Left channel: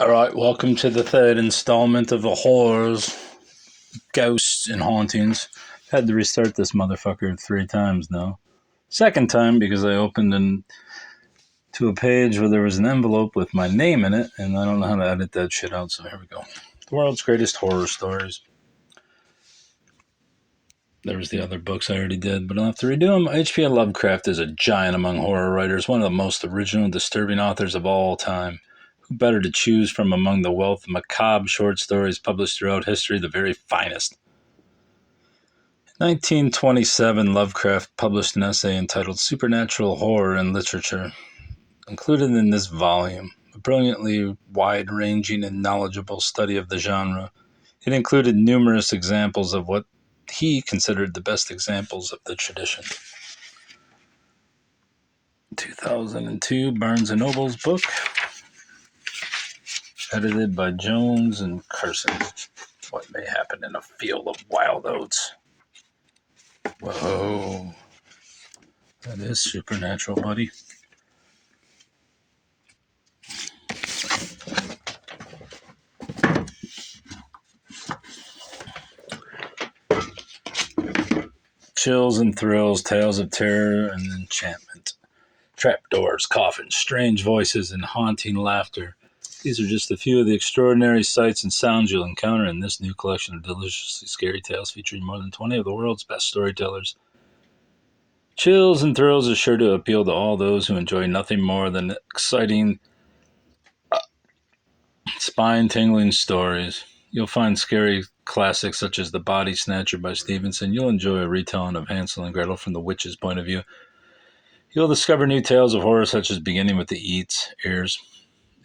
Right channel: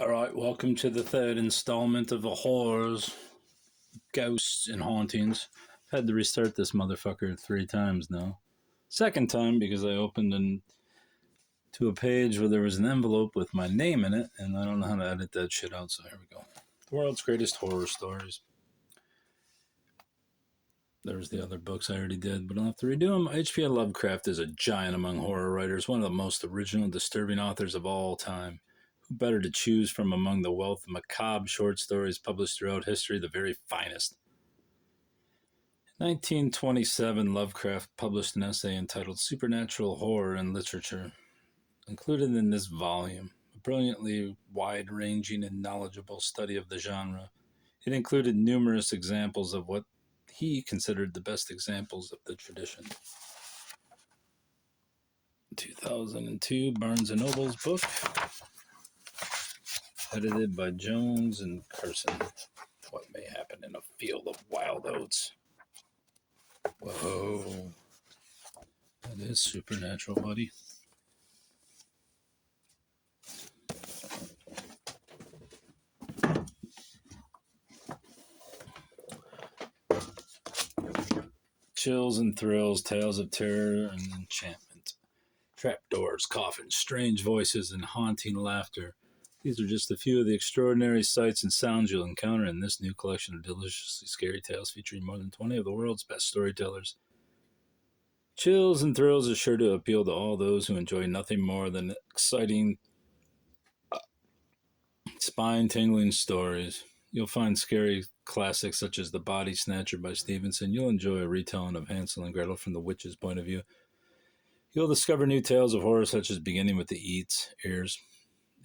All right, welcome to the third installment of the horrors, ghosts, and hauntings. Had to restart this motherfucker 3 times now. Second time because I opened to a page where there was an envelope with my name in it, and I don't know how to edit that shit out, so here we go. The world's greatest horror stories. There was the other books I already did, but I'll have to redo them. H.P. Lovecraft is a giant among horror writers, one of the most original and disturbing authors of all time. Who better to choose from among the wealth of macabre short stories published throughout history, the very finest? In 1927, Lovecraft published an essay entitled Supernatural Horror in Literature. Included in this volume, a brilliantly wide-ranging and knowledgeable study of the genre, it included numerous examples of what he considered the best examples of the tradition. 2002, Barnes & Noble's book, edited by Jones and Carson. What may happen in a field of wild oats. Whoa. That is supernatural, buddy. Chills and thrills, tales of terror and enchantment. Trapdoors, coffins, strange voices, and haunting laughter. These are just a few of the extraordinary sights and sounds you'll encounter in this new collection of deliciously scary tales featuring more than 20 of the world's best storytellers. Chills and thrills are sure to appeal to all those who enjoy nothing more than exciting, spine-tingling stories. You'll find scary classics such as The Body Snatcher by Stevenson. You'll enjoy a retelling of Hansel and Gretel from the witch's point of view. You'll discover new tales of horror such as Beginning with the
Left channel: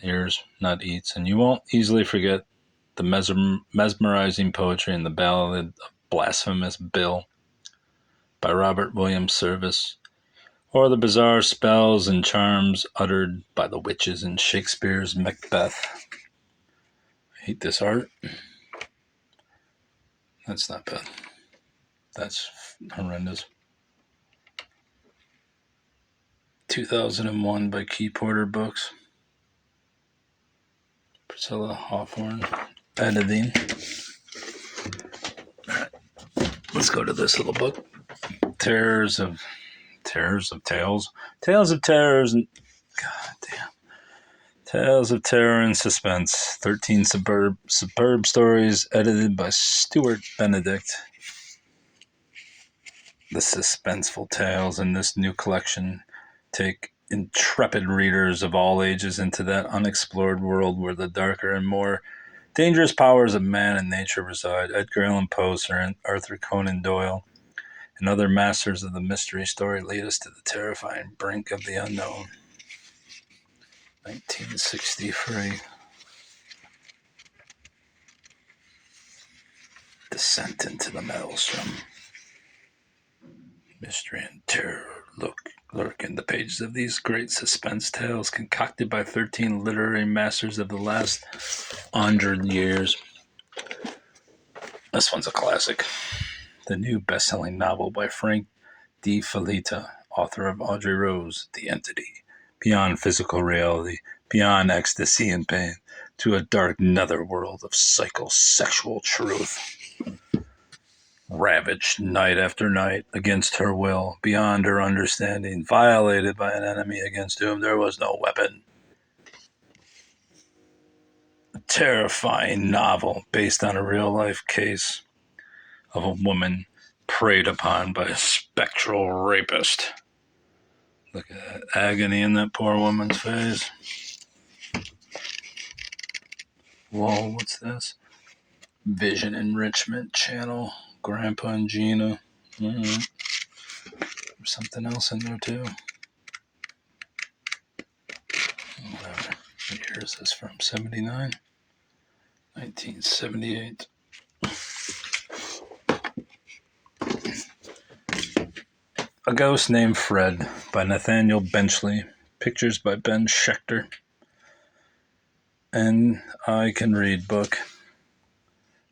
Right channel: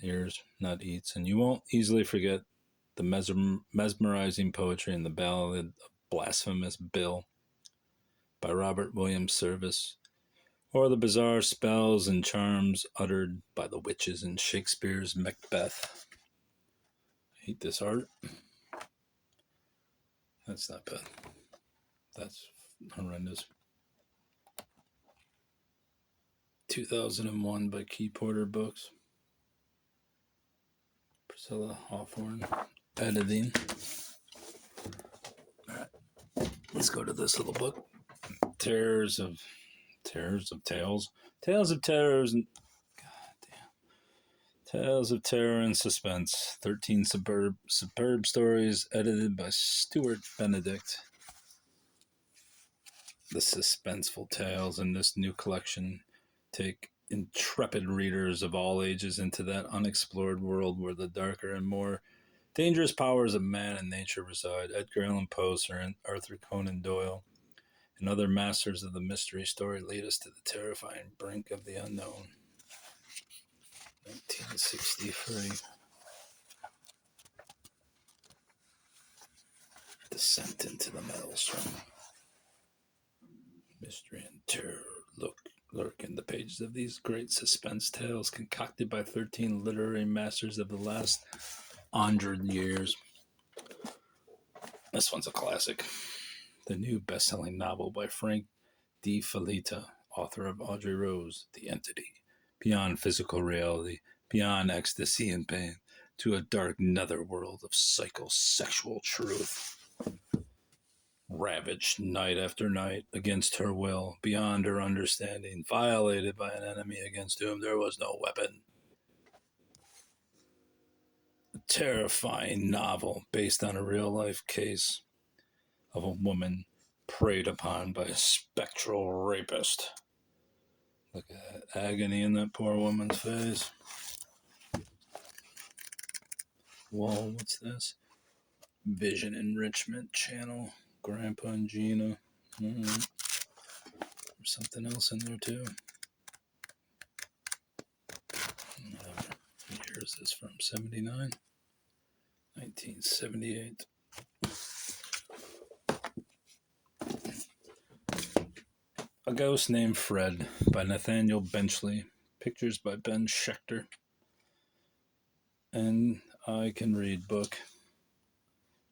ears, not eats, and you won't easily forget the mesmerizing poetry in the Ballad of Blasphemous Bill by Robert William Service, or the bizarre spells and charms uttered by the witches in Shakespeare's Macbeth. I hate this art. That's not bad. That's horrendous. 2001 by Key Porter Books. Priscilla Hawthorne. Editing. Alright. Let's go to this little book. Terrors of Tales. Tales of Terrors and goddamn. Tales of Terror and Suspense. 13 superb stories edited by Stuart Benedict. The suspenseful tales in this new collection take intrepid readers of all ages into that unexplored world where the darker and more dangerous powers of man and nature reside. Edgar Allan Poe, Sir Arthur Conan Doyle, and other masters of the mystery story lead us to the terrifying brink of the unknown. 1963. Descent into the Maelstrom. Mystery and terror lurk in the pages of these great suspense tales concocted by 13 literary masters of the last 100 years. This one's a classic. The new best-selling novel by Frank D. Felitta, author of Audrey Rose, The Entity, Beyond Physical Reality, Beyond Ecstasy and Pain, to a dark netherworld of psychosexual truth. Ravaged night after night against her will, beyond her understanding, violated by an enemy against whom there was no weapon. A terrifying novel based on a real-life case of a woman preyed upon by a spectral rapist. Look at that agony in that poor woman's face. Whoa, what's this? Vision Enrichment Channel. Grandpa and Gina. There's something else in there too. Whatever. What year is this from? 79? 1978. A Ghost Named Fred by Nathaniel Benchley. Pictures by Ben Schechter. And I Can Read book.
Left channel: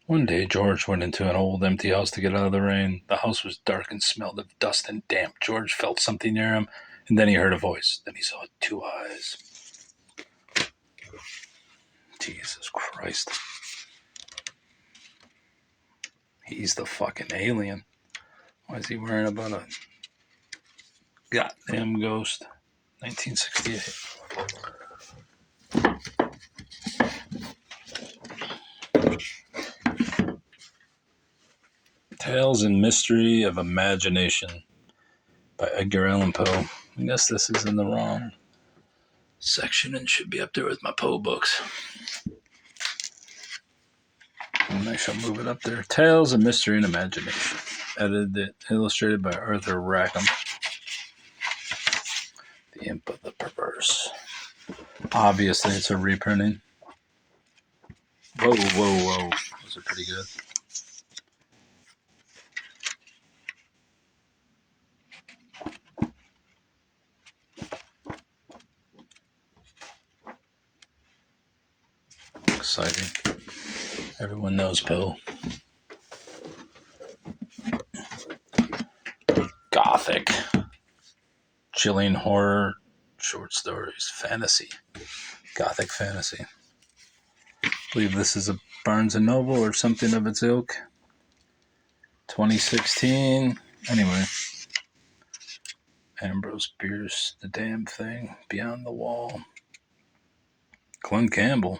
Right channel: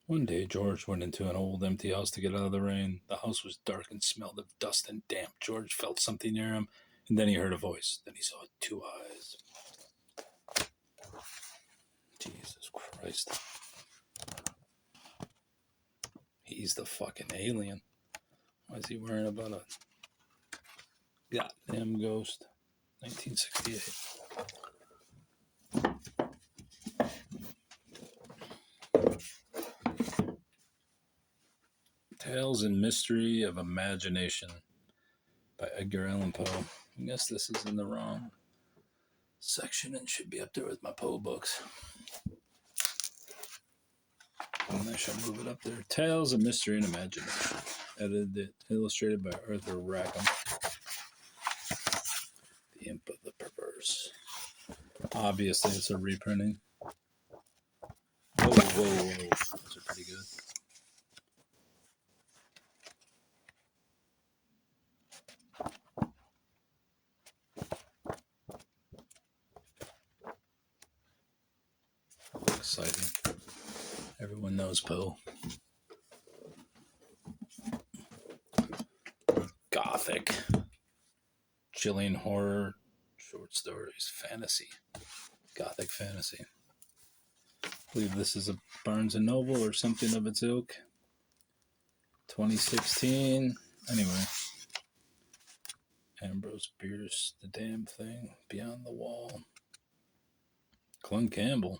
One day, George went into an old empty house to get out of the rain. The house was dark and smelled of dust and damp. George felt something near him, and then he heard a voice. Then he saw 2 eyes. Jesus Christ. He's the fucking alien. Why is he worrying about a goddamn ghost? 1968. Tales and Mystery of Imagination by Edgar Allan Poe. I guess this is in the wrong section and should be up there with my Poe books. And I shall move it up there. Tales of Mystery and Imagination. Edited, illustrated by Arthur Rackham. The Imp of the Perverse. Obviously, it's a reprinting. Whoa. Those are pretty good. Exciting. Everyone knows Poe. Gothic. Chilling horror short stories. Fantasy. Gothic fantasy. I believe this is a Barnes & Noble or something of its ilk. 2016. Anyway. Ambrose Bierce, The Damn Thing, Beyond the Wall. Glenn Campbell.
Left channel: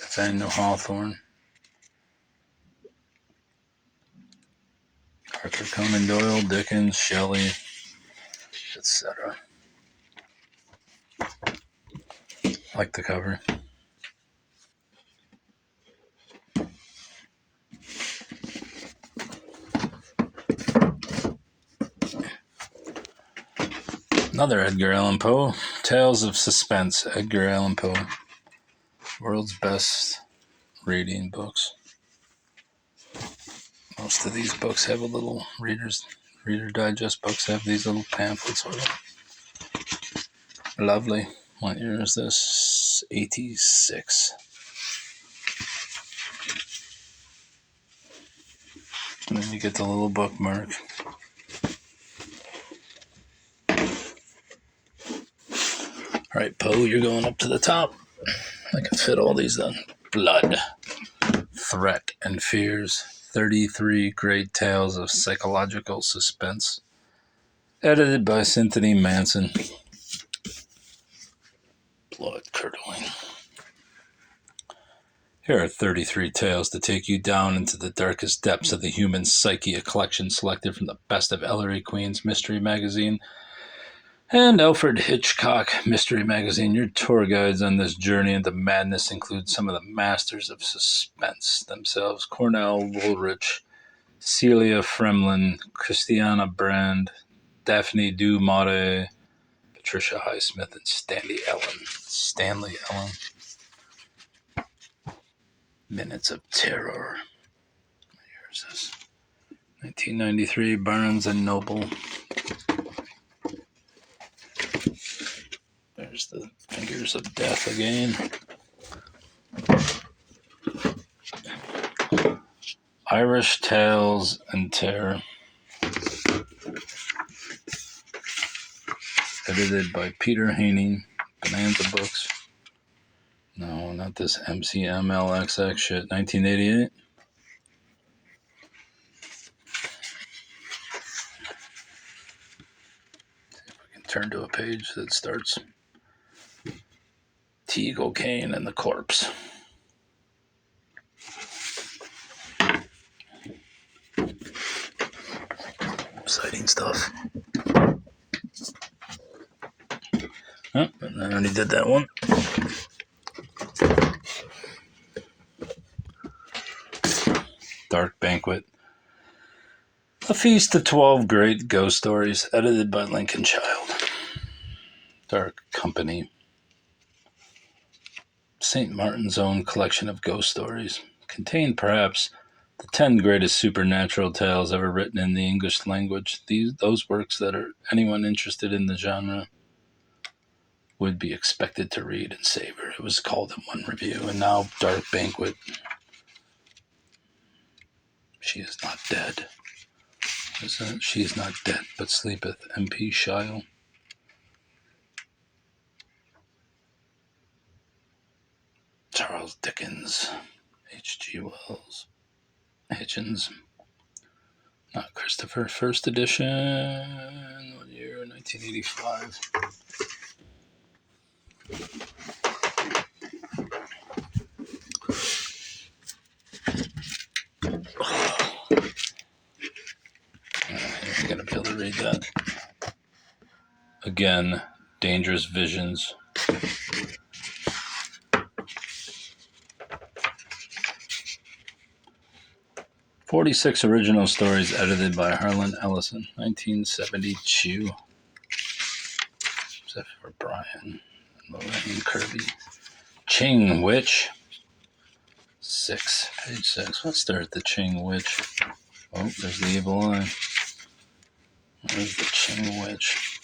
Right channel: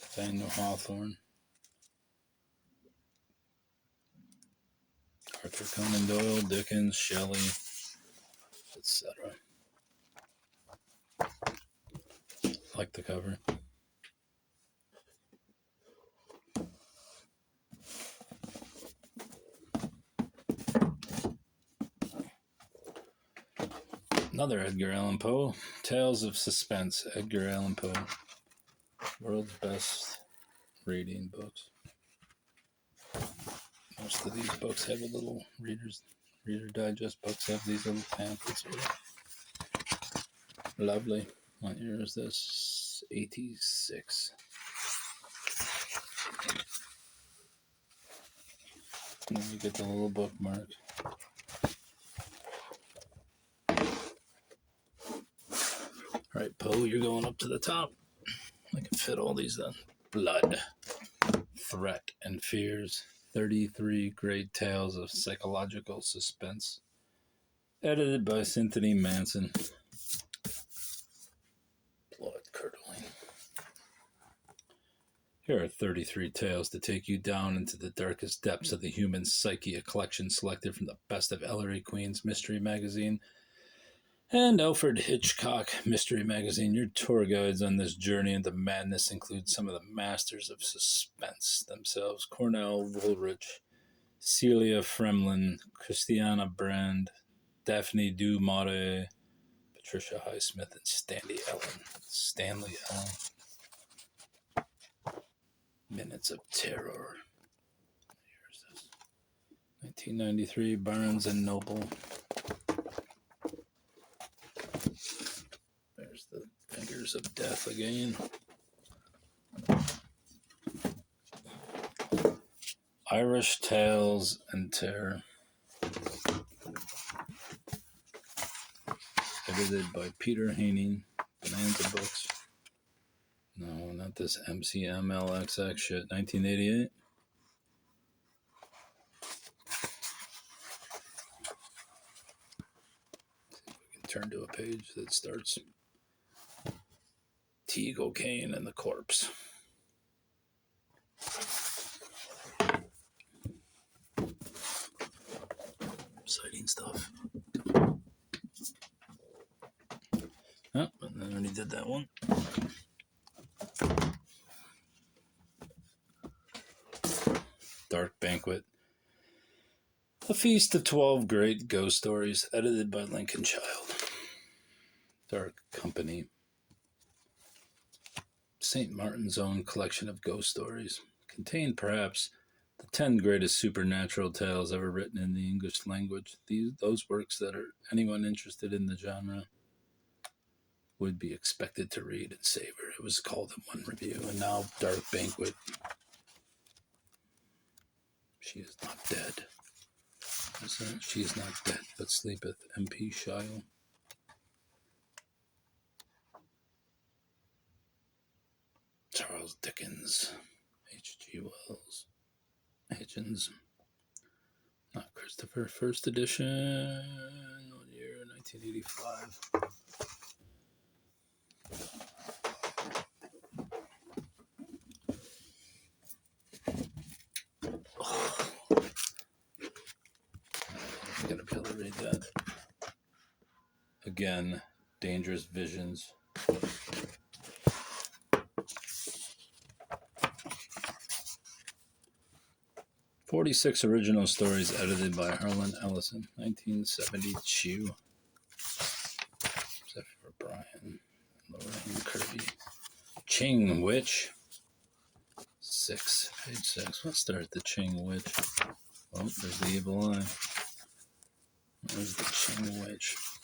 Nathaniel Hawthorne. Arthur Conan Doyle, Dickens, Shelley, etc. Like the cover. Another Edgar Allan Poe. Tales of Suspense. Edgar Allan Poe. World's best reading books. Most of these books have a little Reader Digest books have these little pamphlets on them. Lovely. What year is this? 86. And then you get the little bookmark. All right, Poe, you're going up to the top. I can fit all these then. Blood, Threat, and Fears. 33 Great Tales of Psychological Suspense. Edited by Cynthia Manson. Blood curdling. Here are 33 tales to take you down into the darkest depths of the human psyche, a collection selected from the best of Ellery Queen's Mystery Magazine and Alfred Hitchcock Mystery Magazine. Your tour guides on this journey into madness include some of the masters of suspense themselves: Cornell Woolrich, Celia Fremlin, Christiana Brand, Daphne du Maurier, Patricia Highsmith, and Stanley Ellen. Minutes of Terror. Here's this. 1993, Barnes & Noble. There's the Fingers of Death again. Irish Tales and Terror. Edited by Peter Haining, Bonanza Books. No, not this MCMLXX shit. 1988. See if I can turn to a page that starts Teagle Kane and the Corpse. Exciting stuff. Oh, and I already did that one. Dark Banquet. A Feast of 12 Great Ghost Stories, edited by Lincoln Child. Dark Company. St. Martin's own collection of ghost stories. Contained perhaps the 10 greatest supernatural tales ever written in the English language. Those works that anyone interested in the genre would be expected to read and savor. It was called in one review. And now Dark Banquet. She is not dead. She is not dead, but sleepeth. M.P. Shile. Charles Dickens, H.G. Wells, Hitchens, not Christopher, first edition, what year, 1985. I'm going to be able to read that. Again, Dangerous Visions. "46 original stories edited by Harlan Ellison, 1972. Except for Brian, Lorraine Kirby. Ching Witch. Page 6. Let's start the Ching Witch. Oh, there's the evil eye. There's the Ching Witch.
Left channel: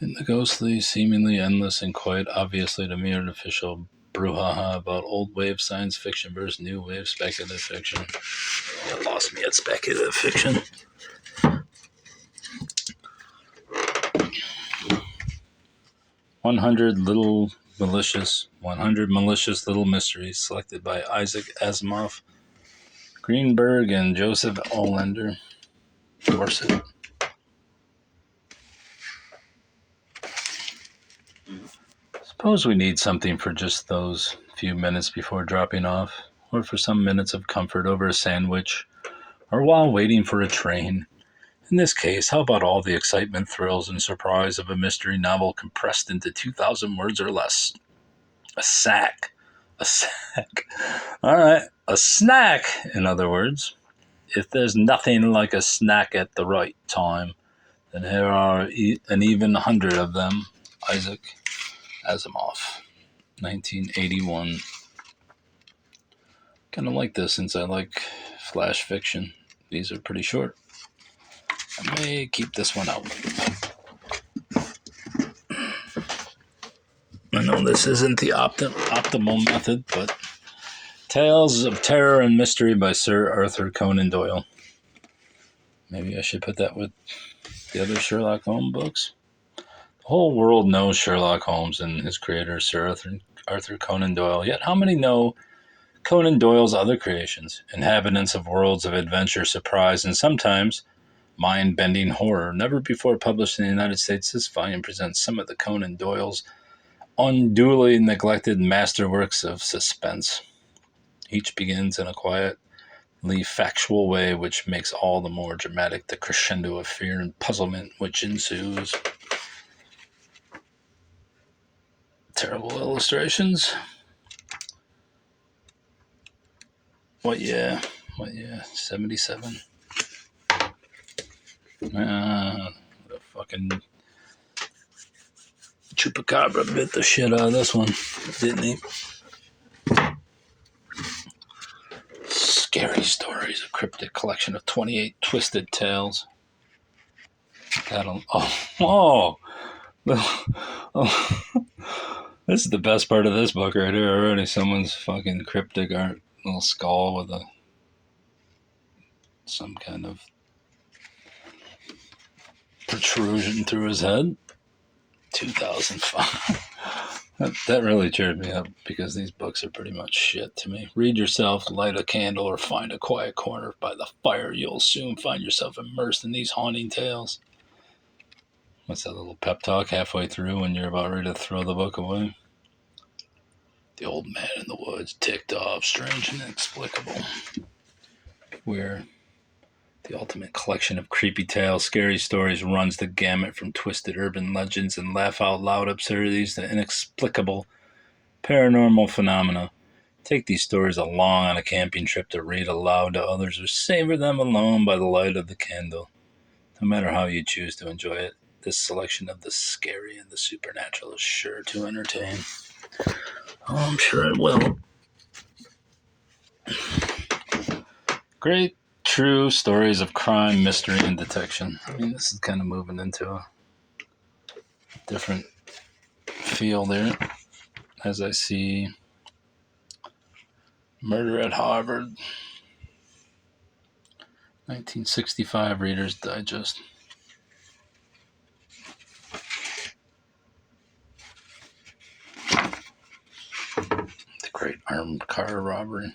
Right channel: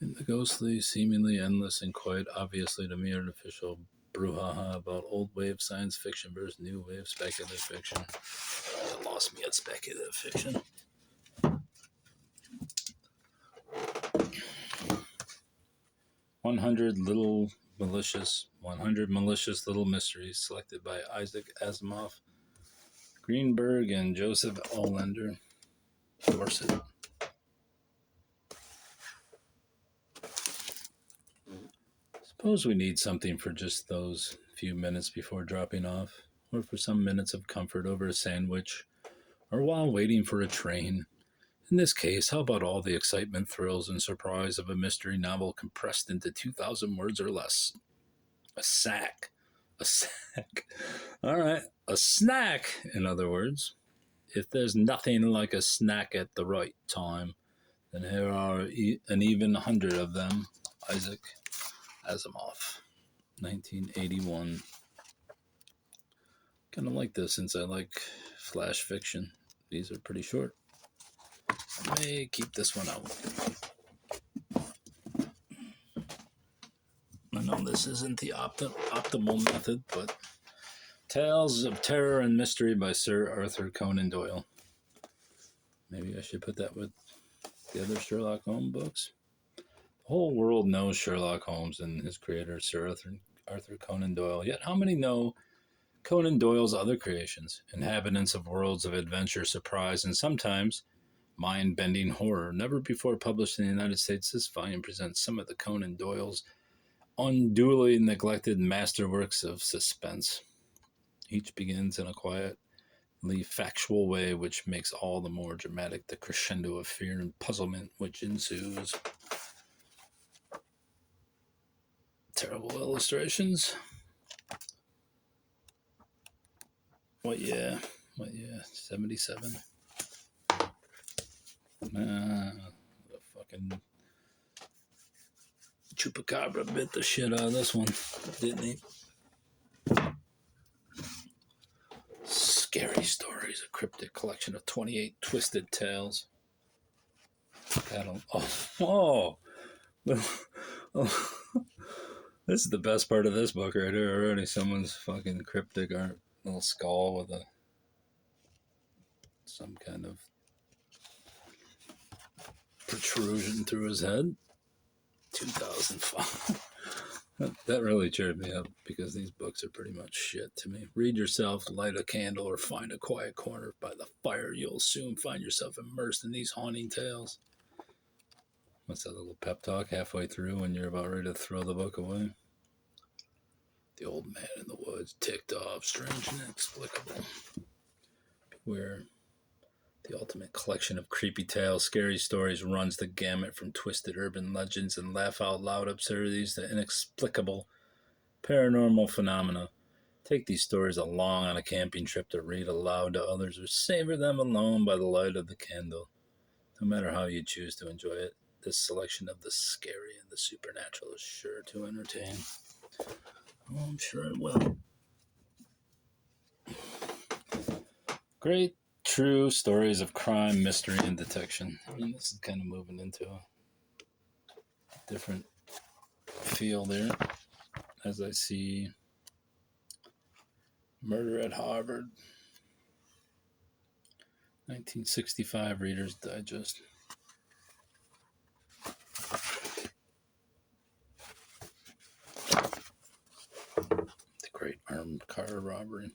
In the ghostly, seemingly endless, and quite obviously to me artificial brouhaha about old wave science fiction versus new wave speculative fiction. You lost me at speculative fiction. 100 malicious little mysteries selected by Isaac Asimov, Greenberg, and Joseph Olander. Dorset. Suppose we need something for just those few minutes before dropping off, or for some minutes of comfort over a sandwich, or while waiting for a train. In this case, how about all the excitement, thrills, and surprise of a mystery novel compressed into 2,000 words or less? A sack. All right, a snack, in other words. If there's nothing like a snack at the right time, then here are an even 100 of them. Isaac Asimov, 1981. Kind of like this since I like flash fiction. These are pretty short. I may keep this one out. I know this isn't the optimal method, but Tales of Terror and Mystery by Sir Arthur Conan Doyle. Maybe I should put that with the other Sherlock Holmes books. The whole world knows Sherlock Holmes and his creator, Sir Arthur Conan Doyle. Yet how many know Conan Doyle's other creations? Inhabitants of worlds of adventure, surprise, and sometimes mind-bending horror. Never before published in the United States, this volume presents some of the Conan Doyle's unduly neglected masterworks of suspense. Each begins in a quietly factual way, which makes all the more dramatic the crescendo of fear and puzzlement which ensues. Terrible illustrations. What year? 77. The fucking Chupacabra bit the shit out of this one, didn't he? Scary Stories, a cryptic collection of 28 twisted tales. Oh. This is the best part of this book right here already. Someone's fucking cryptic art, little skull with some kind of protrusion through his head. 2005. That really cheered me up because these books are pretty much shit to me. Read yourself, light a candle, or find a quiet corner by the fire. You'll soon find yourself immersed in these haunting tales. What's that little pep talk halfway through when you're about ready to throw the book away? The old man in the woods ticked off, strange and inexplicable. Where the ultimate collection of creepy tales, scary stories runs the gamut from twisted urban legends and laugh-out-loud absurdities to inexplicable paranormal phenomena. Take these stories along on a camping trip to read aloud to others or savor them alone by the light of the candle. No matter how you choose to enjoy it, this selection of the scary and the supernatural is sure to entertain. Oh, I'm sure it will. Great true stories of crime, mystery, and detection. I mean, this is kind of moving into a different feel there as I see Murder at Harvard, 1965 Reader's Digest. great armored car robbery.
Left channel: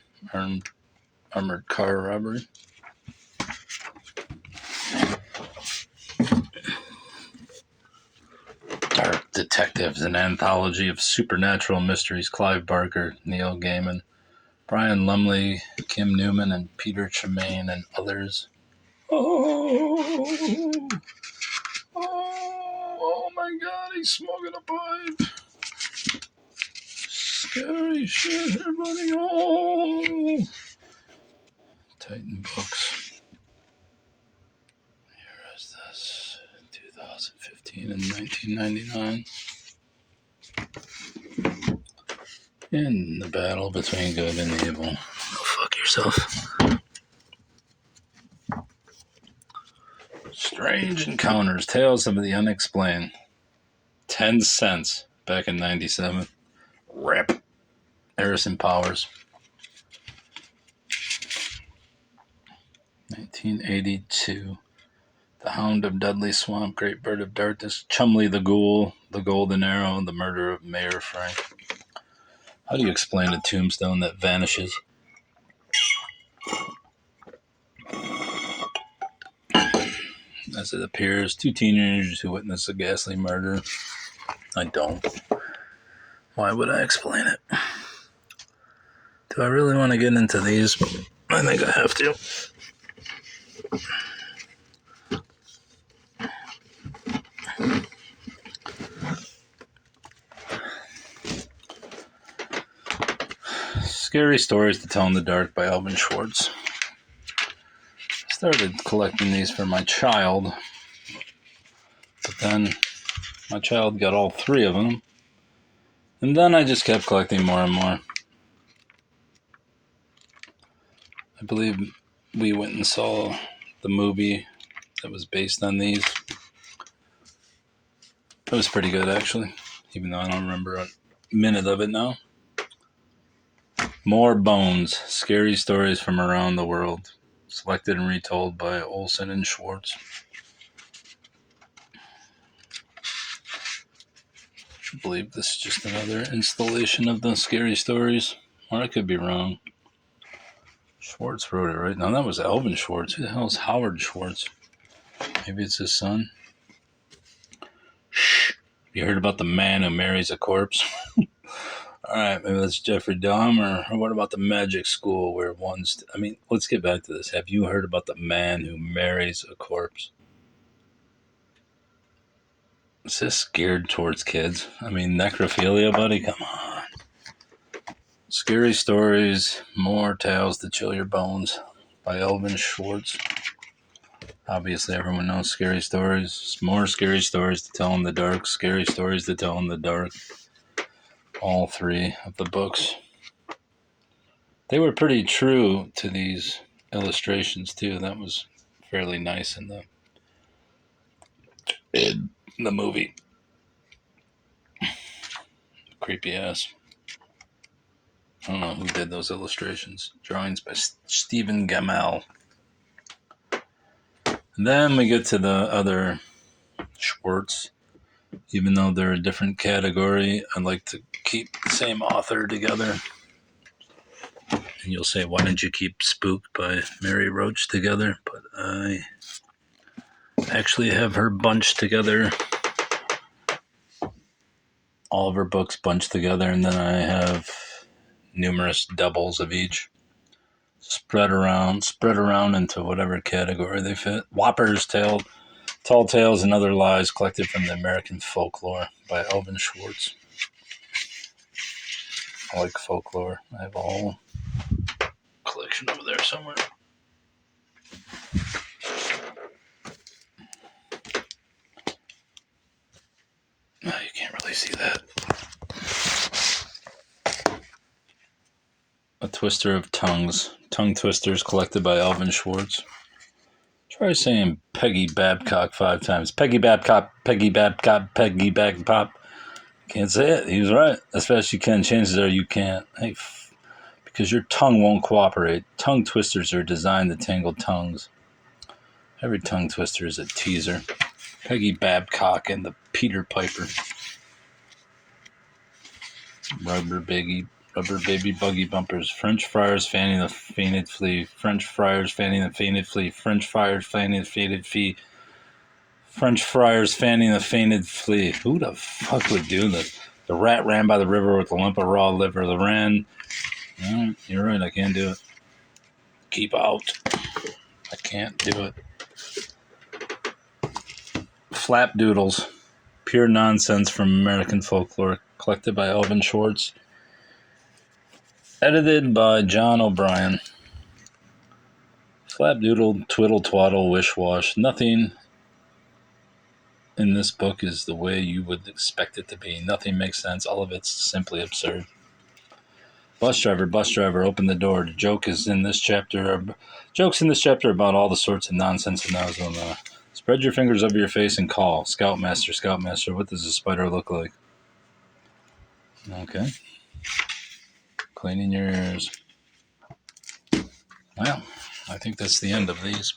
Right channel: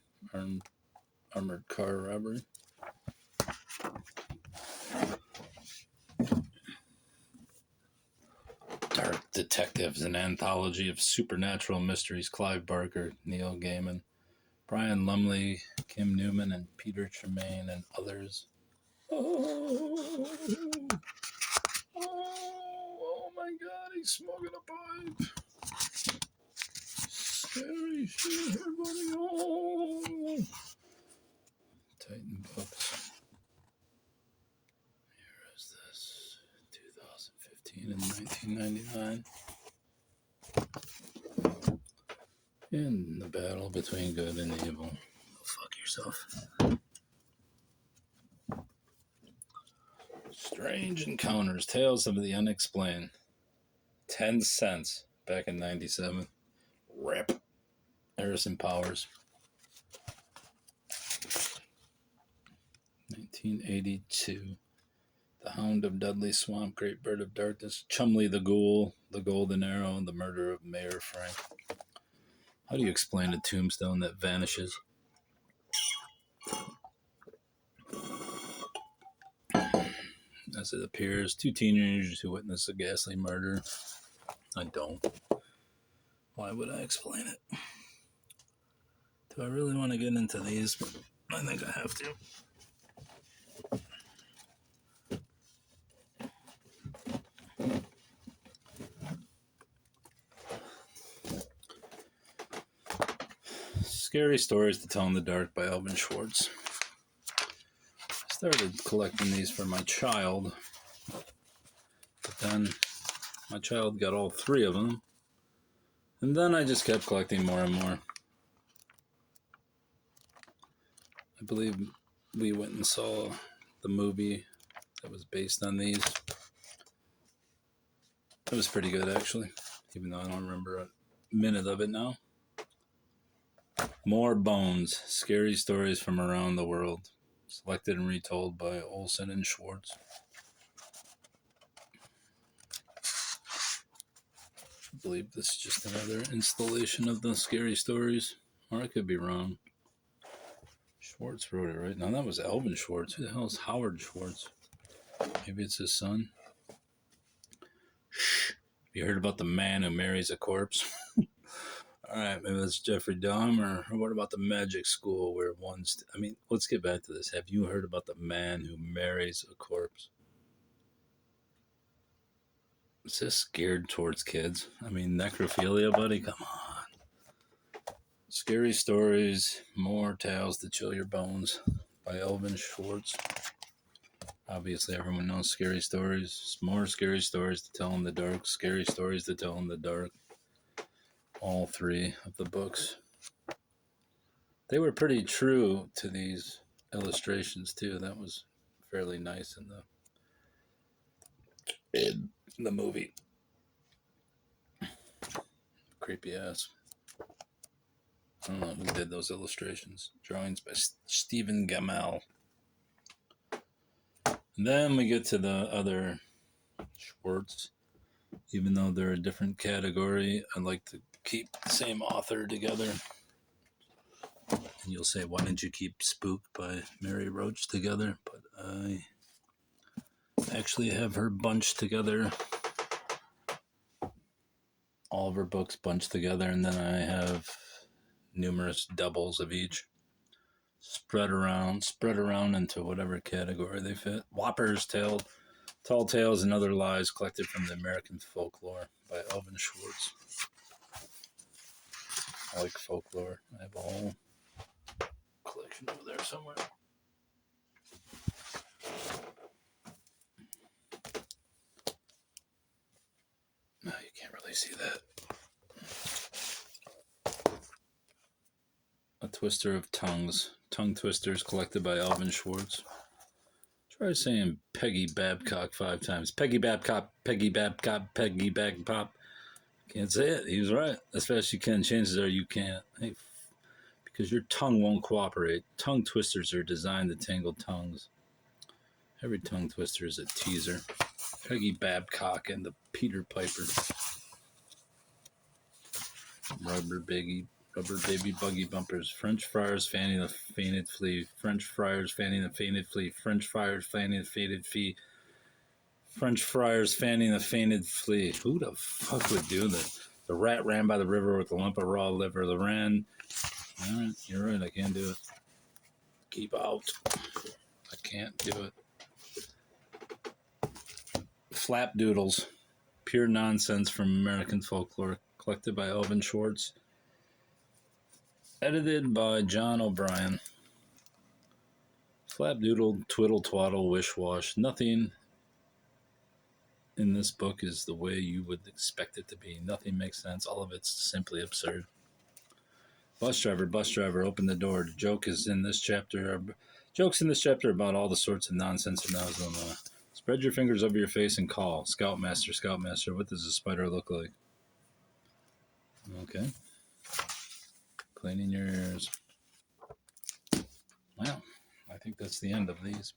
Dark Detectives, an anthology of supernatural mysteries. Clive Barker, Neil Gaiman, Brian Lumley, Kim Newman, and Peter Tremaine, and others. Oh my God, he's smoking a pipe. Scary shit, everybody. Oh. Titan Books. Here is this. 2015 and 1999. In the battle between good and evil. Go fuck yourself. Strange Encounters, Tales of the Unexplained. 10 cents back in 97. Rip. Harrison Powers. 1982. The Hound of Dudley Swamp, Great Bird of Darkness, Chumley the Ghoul, The Golden Arrow, The Murder of Mayor Frank. How do you explain a tombstone that vanishes? As it appears, two teenagers who witness a ghastly murder. I don't. Why would I explain it? Do I really want to get into these? I think I have to. Scary Stories to Tell in the Dark by Alvin Schwartz. I started collecting these for my child, but then my child got all three of them, and then I just kept collecting more and more. I believe we went and saw the movie that was based on these. It was pretty good, actually, even though I don't remember a minute of it now. More Bones, Scary Stories from Around the World, selected and retold by Olson and Schwartz. I believe this is just another installation of the Scary Stories, or I could be wrong. Schwartz wrote it, right? No, that was Alvin Schwartz. Who the hell is Howard Schwartz? Maybe it's his son. Shh. You heard about the man who marries a corpse? Alright, maybe that's Jeffrey Dahmer. Or what about the magic school where one's... let's get back to this. Have you heard about the man who marries a corpse? Is this geared towards kids? Necrophilia, buddy? Come on. Scary Stories, More Tales to Chill Your Bones by Alvin Schwartz. Obviously, everyone knows Scary Stories. More Scary Stories to Tell in the Dark. Scary Stories to Tell in the Dark. All three of the books. They were pretty true to these illustrations, too. That was fairly nice in the movie. Creepy ass. I don't know who did those illustrations. Drawings by Stephen Gamel. And then we get to the other Schwartz. Even though they're a different category, I like to keep the same author together. And you'll say, why didn't you keep Spooked by Mary Roach together? But I actually have her bunched together. All of her books bunched together, and then I have numerous doubles of each. Spread around into whatever category they fit. Whoppers, Tall Tales and Other Lies Collected from the American Folklore by Alvin Schwartz. I like folklore. I have a whole collection over there somewhere. No, you can't really see that. A Twister of Tongues. Tongue Twisters collected by Alvin Schwartz. Try saying Peggy Babcock 5 times. Peggy Babcock, Peggy Babcock, Peggy Babcock. Can't say it. He was right. As fast as you can. Chances are you can't. Hey, because your tongue won't cooperate. Tongue twisters are designed to tangle tongues. Every tongue twister is a teaser. Peggy Babcock and the Peter Piper. Rubber Biggie. Rubber baby buggy bumpers. French friars fanning the fainted flea. French friars fanning the fainted flea. French friars fanning the fainted flea. French friars fanning the fainted flea. Who the fuck would do this? The rat ran by the river with a lump of raw liver. The wren. You're right, I can't do it. Keep out. I can't do it. Flapdoodles. Pure nonsense from American folklore. Collected by Elvin Schwartz. Edited by John O'Brien. Flapdoodle, twiddle twaddle, wish wash. Nothing in this book is the way you would expect it to be. Nothing makes sense. All of it's simply absurd. Bus driver, open the door. The jokes in this chapter are about all the sorts of nonsense and nows on the. Spread your fingers over your face and call. Scoutmaster, what does a spider look like? Okay. Cleaning your ears. Well, I think that's the end of these.